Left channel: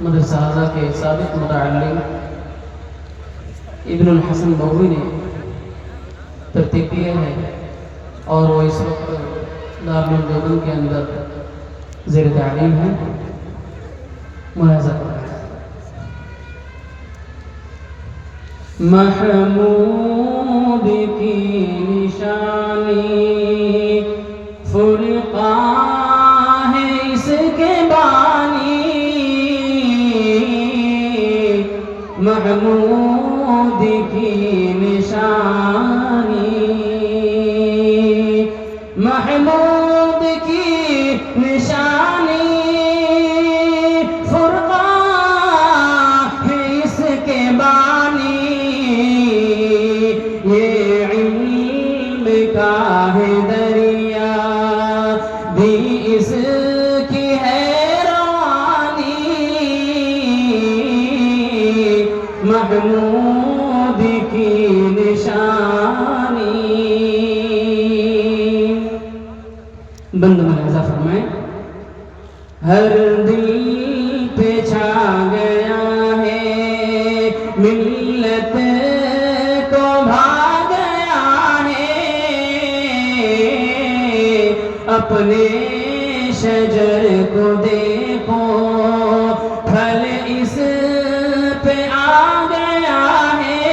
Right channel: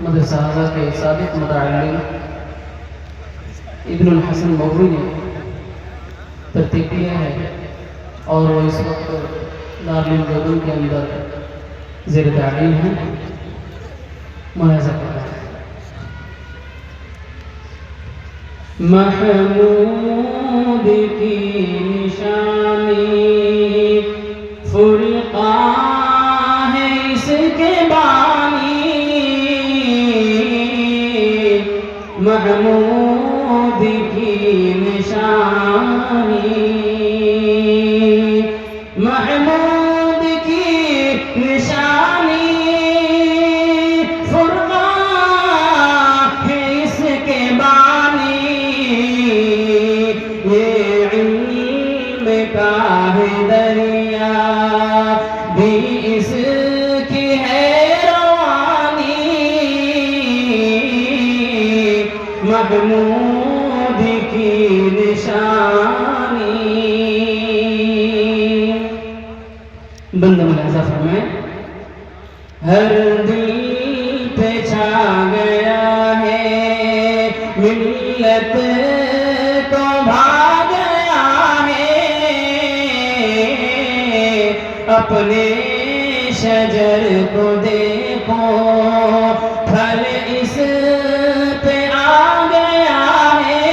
مدرسہ اعلیٰ کے سابق متعلم ابن الحسن مروی نے ترتیب کیا ہے اور وہ اس وقت دارالعلوم دیوبند کے اندر زیر تعلیم ہے. ملاحظہ کریں. محمود کی نشانی فرقان ہے اس کے بانی. محمود کی نشانی محمود کی نشانی فرقان ہے اس کے بانی. یہ علم کا ہے دریا بھی اس کی ہے روانی. محمود کی نشانی. بندہ ملاحظہ فرمائیں. ہر دل پہ چھا گیا ہے ملت کو بھا گیا ہے. اپنے شجر کو دیکھو پھل اس پہ آ گیا ہے.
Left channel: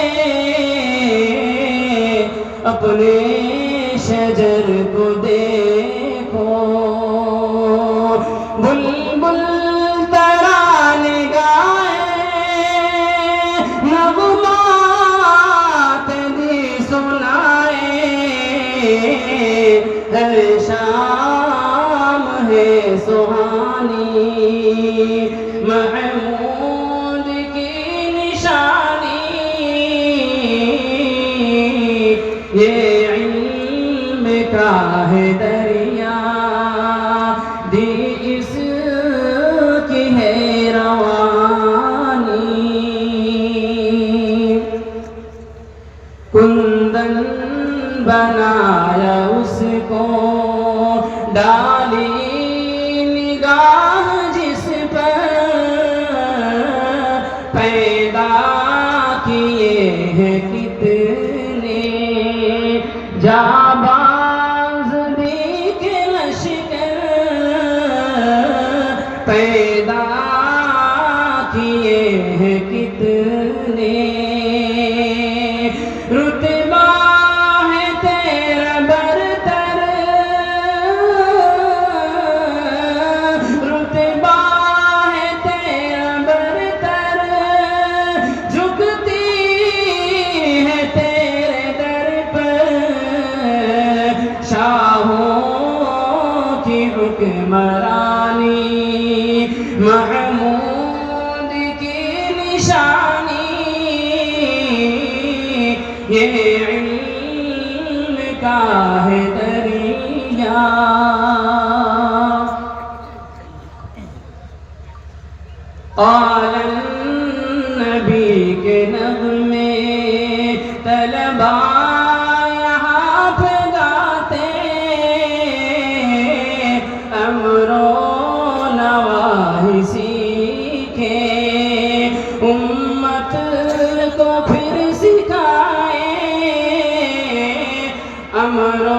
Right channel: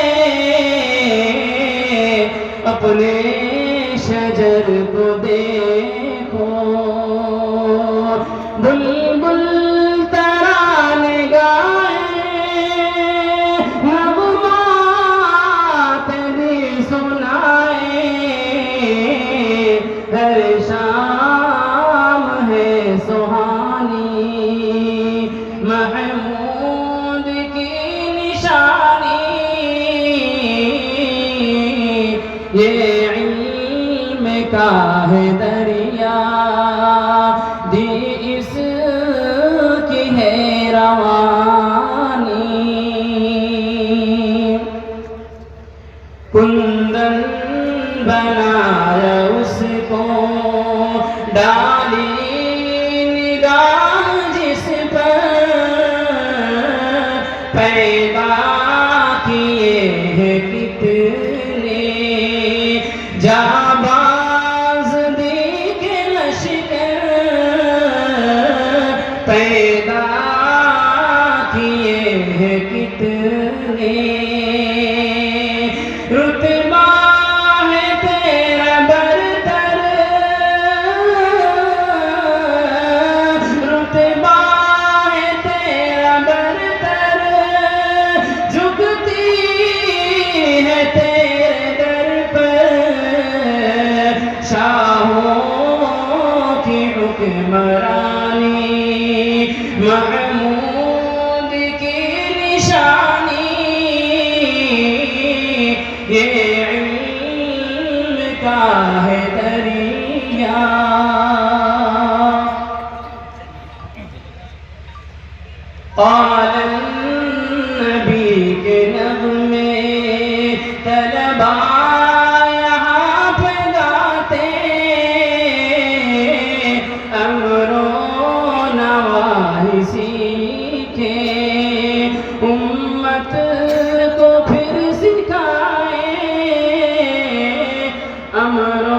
اپنے شجر کو دیکھو بلبل ترانے گائے نغمات دی سنائے. ہر شام ہے سہانی. محمود کی نشانی. یہ علم کا ہے دریا دی اس کی ہے روانی. کندن بنایا اس کو ڈالی نگاہ جس پر پیدا کیے ہیں کتنے جانباز دیکھ لشکر. پیدا کیے ہیں کتنے رتبہ ہے تیرا برتر. رتبہ ہے تیرا برتر. جھکتی ہے تیرے در پر شاہوں کی حکمرانی. محمود کی نشانی. یہ علم کا ہے دریا. قال النبی کے نغمے طلبا یہاں پہ گاتے. امر و نواہی سیکھے امت کو پھر سکھائے. امر و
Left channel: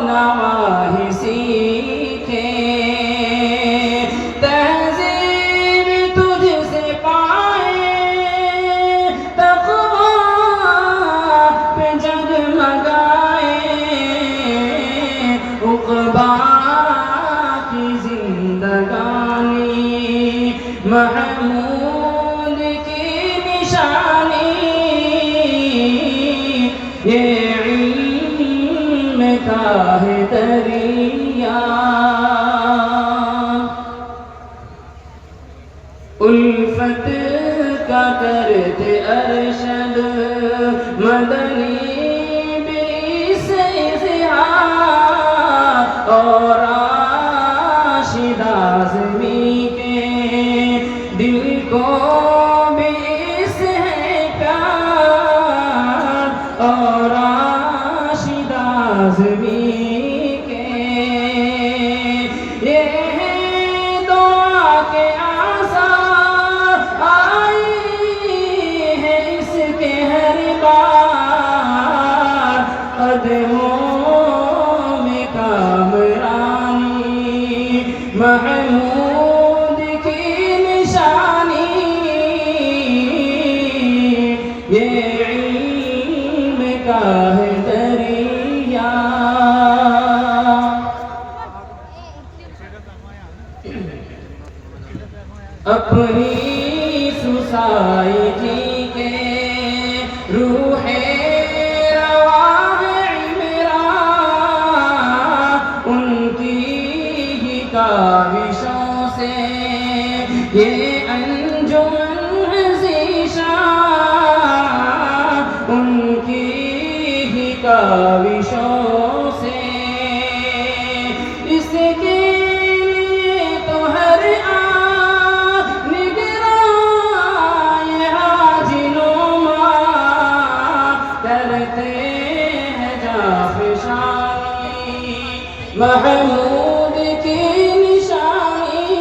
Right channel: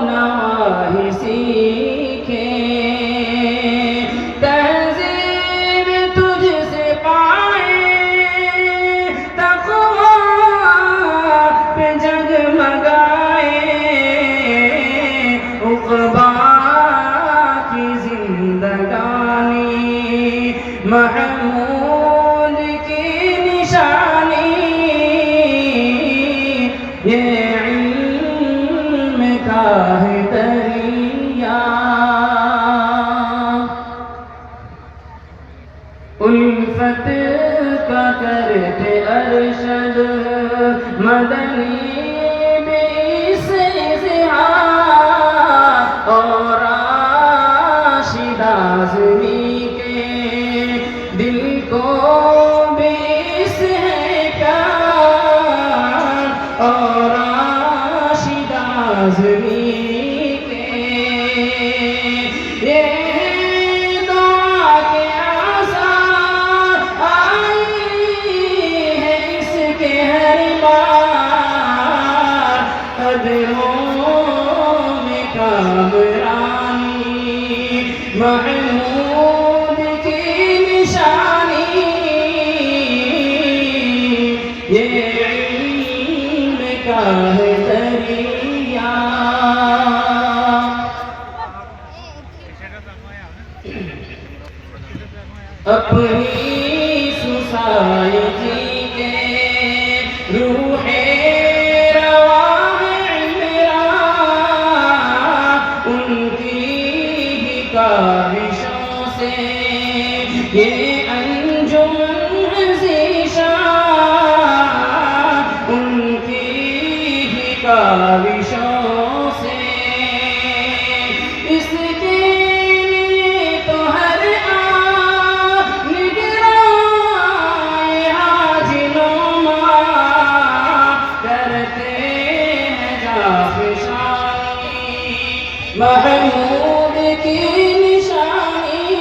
نواہی سیکھے. تہذیب تجھ سے پائے تقویٰ پہ جگمگائے. عقبیٰ کی زندگانی. محمود کی نشانی. یہ علم کا ہے دریا. الفت کا کرتے ارشد مدنی بھی سے اور راشد اعظمی کے دل کو بھی اس ہے پیار. اور راشد اعظمی کے یہ دعا کے آسان. محمود کی نشانی یہ علم کا ہے دریا اپنی سوسائٹی کے روح رواں عمران ان کی ہی کاوشوں سے یہ انجمن ذیشان ان کی ہی کاوشوں سے اس کے محمود کی نشانی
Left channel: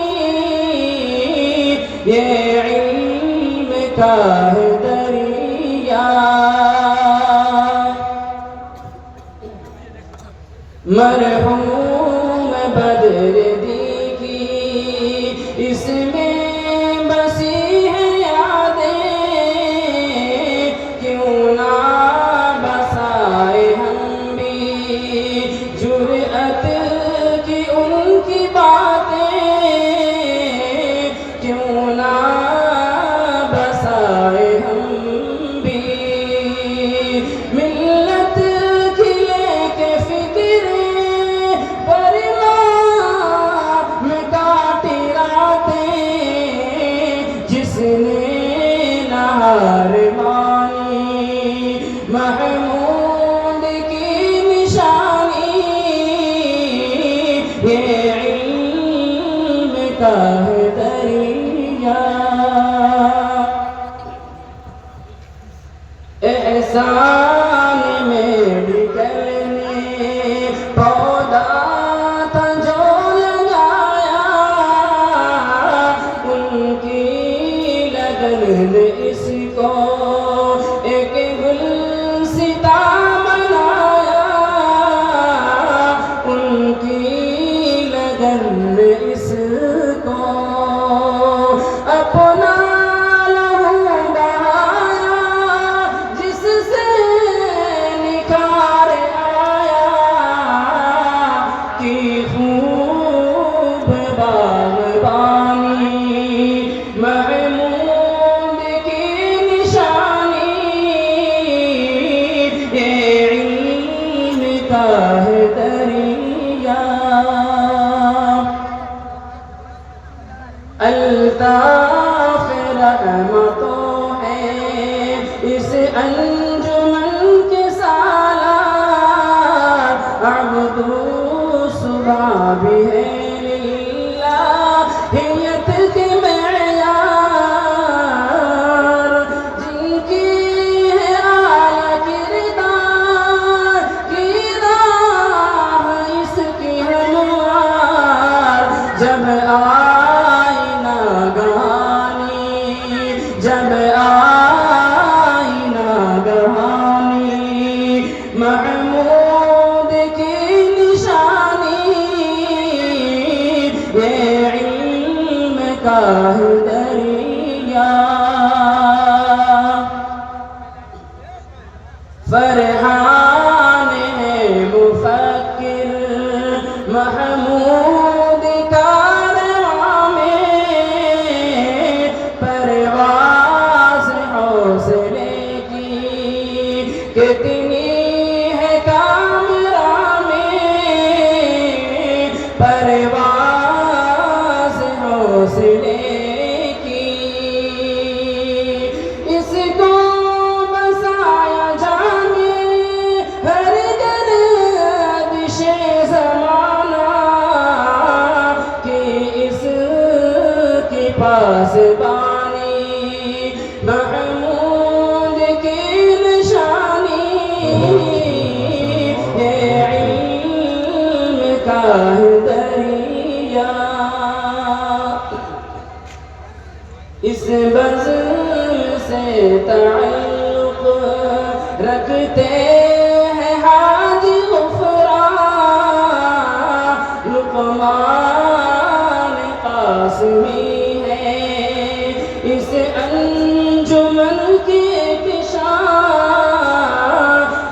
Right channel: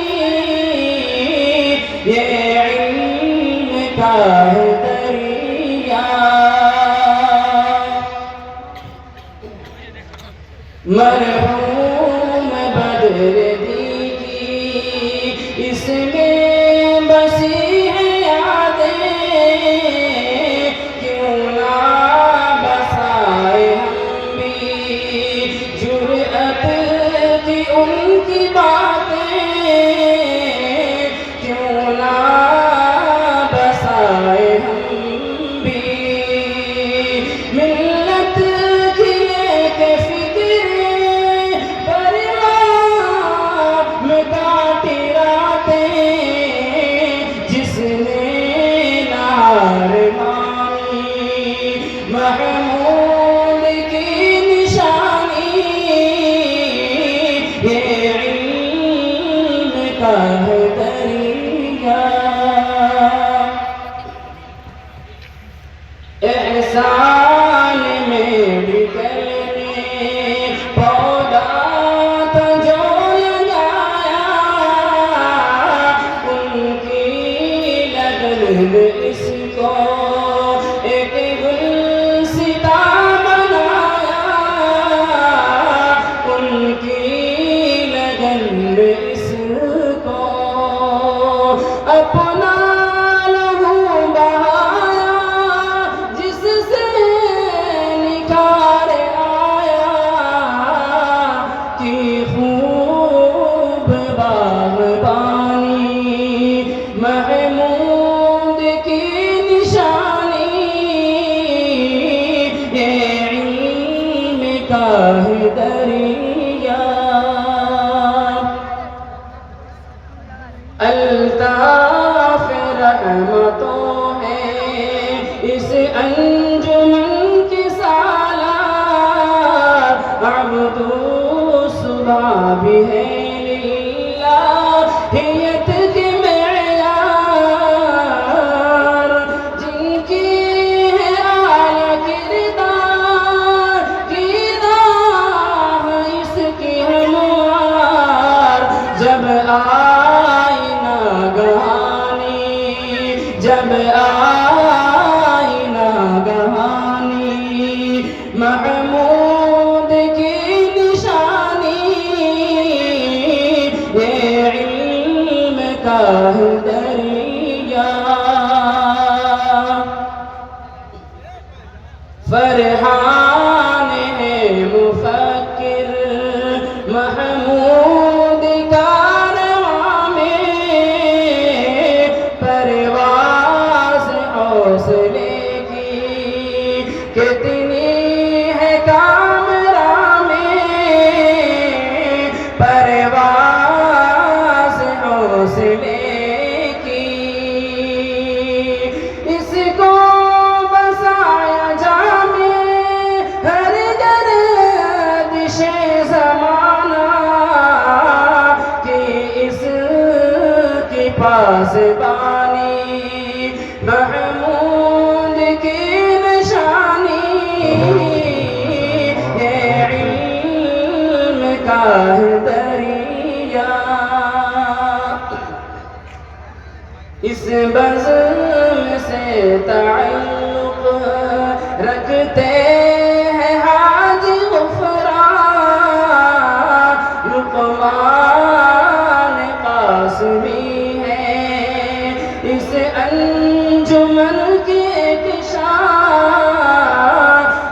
یہ علم کا ہے دریا مرحوم بدردی کی اس میں بسی ہے یادیں کیوں نہ بسائے ہم بھی جرأت کی ان کی باتیں کیوں نہ بسائے ہم بھی ملت کی لے کے فکر پرمام کاٹی راتیں جس نے نہار مانی محمود کی نشانی یہ علم کا ہے دریا احسان میں بکھرنے پودا تھا جو لگایا ان کی لگن نے اس کو ایک گلستہ بنایا ان کی لگن نے اس کو اپنا لہو بہایا جس سے نکھار آیا کہ خوب باغبانی محمود کی نشانی یہ علم کا ہے دریا الطاف رحمتوں ہے اس انجمن کے سالار عبدو صبح بھی ہے للہیت کے معیار جن کی ہے اعلیٰ کردار کی راہ اس کی ہموار جب جب آئی ناگہانی محمود کی نشانی یہ علم کا ہے دریا فرحان ہے مفکر محمود کارواں میں حوصلے کی کتنی ہے کامراں میں پرواز حوصلے کی اس کو بسایا جامے ہر گردش زمانہ کہ اس کے پاس محمود کی نشانی یہ علم کا ہے دریا اس بزم سے تعلق رکھتے ہیں حاجی غفران لقمان انجمن کے کشاں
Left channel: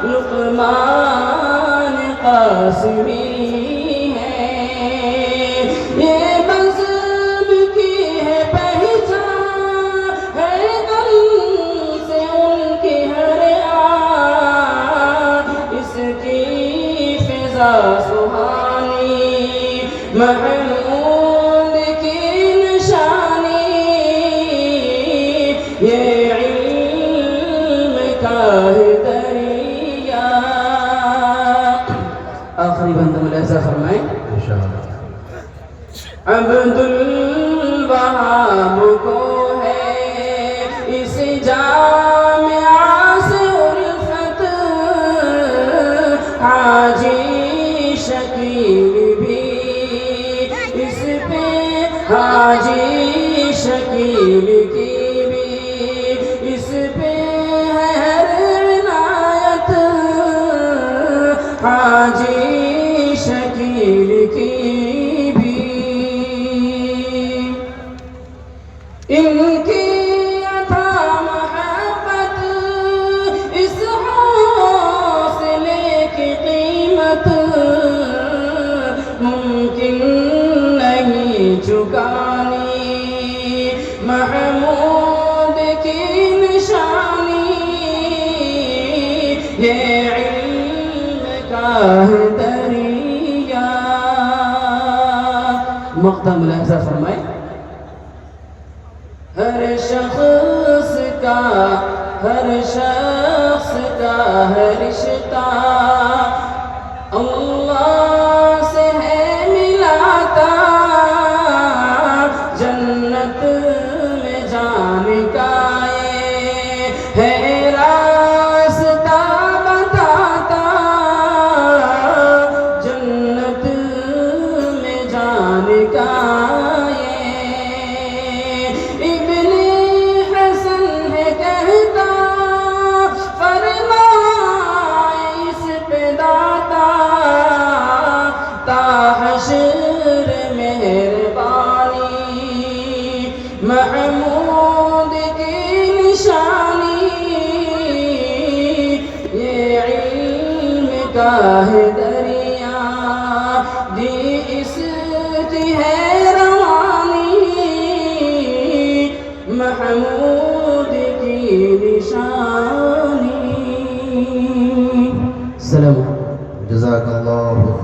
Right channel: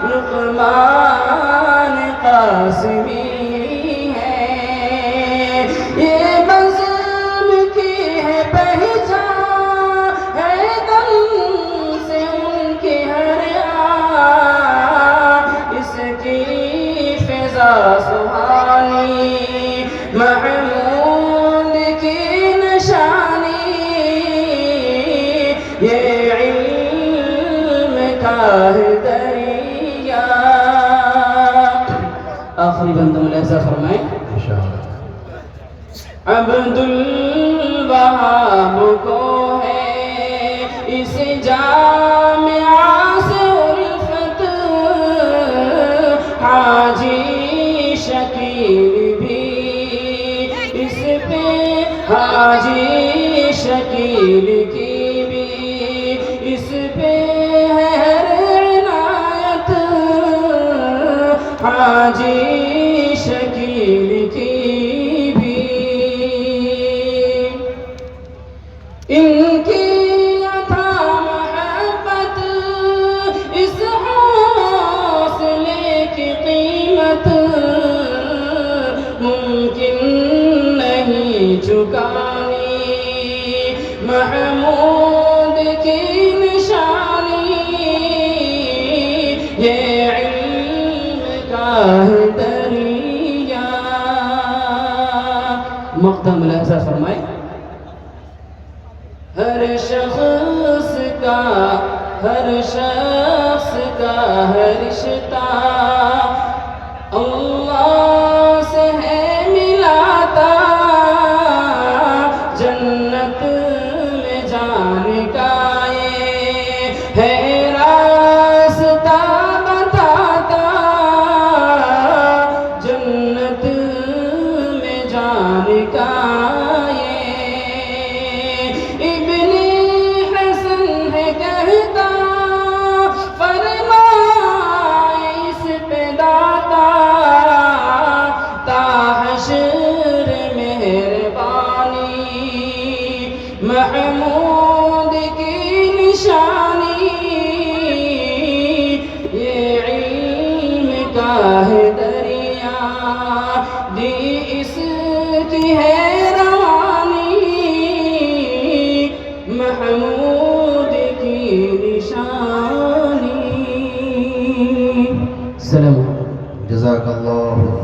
لقمان قاسمی ہے، یہ بزم کی ہے پہچان، ہے دم سے ان کی ہر آن، اس کی فضا سبحانی محمود کی نشانی، یہ علم کا ہے دریا۔ آخری بندہ ملاحظہ فرمائیں، عبد الوہاب کو ہے اس جامعہ سے الفت، حاجی شکیل بھی اس پہ، حاجی شکیل کی بھی اس پہ ہے ہر عنایت، حاجی شکیل کی بھی۔ ان کی عطا محبت اس حوصلے کی قیمت ممکن نہیں چکانی، محمود کی نشانی، یہ علم کا ہے دریا۔ مقطع ملاحظہ فرمائیں، ہر شخص کا ہے رشتہ اللہ سے ہے ملاتا، جنت میں جانے کا یہ ہے راستہ بتاتا، جنت میں جانے کا ابن حسن ہے کہتا، فرمائے اس پہ داتا، تا حشر مہربانی، محمود کی نشانی، یہ علم کا ہے دریا، دی اس کی ہے روانی، محمود کی نشانی۔ سلام۔ جزاک اللہ خیر۔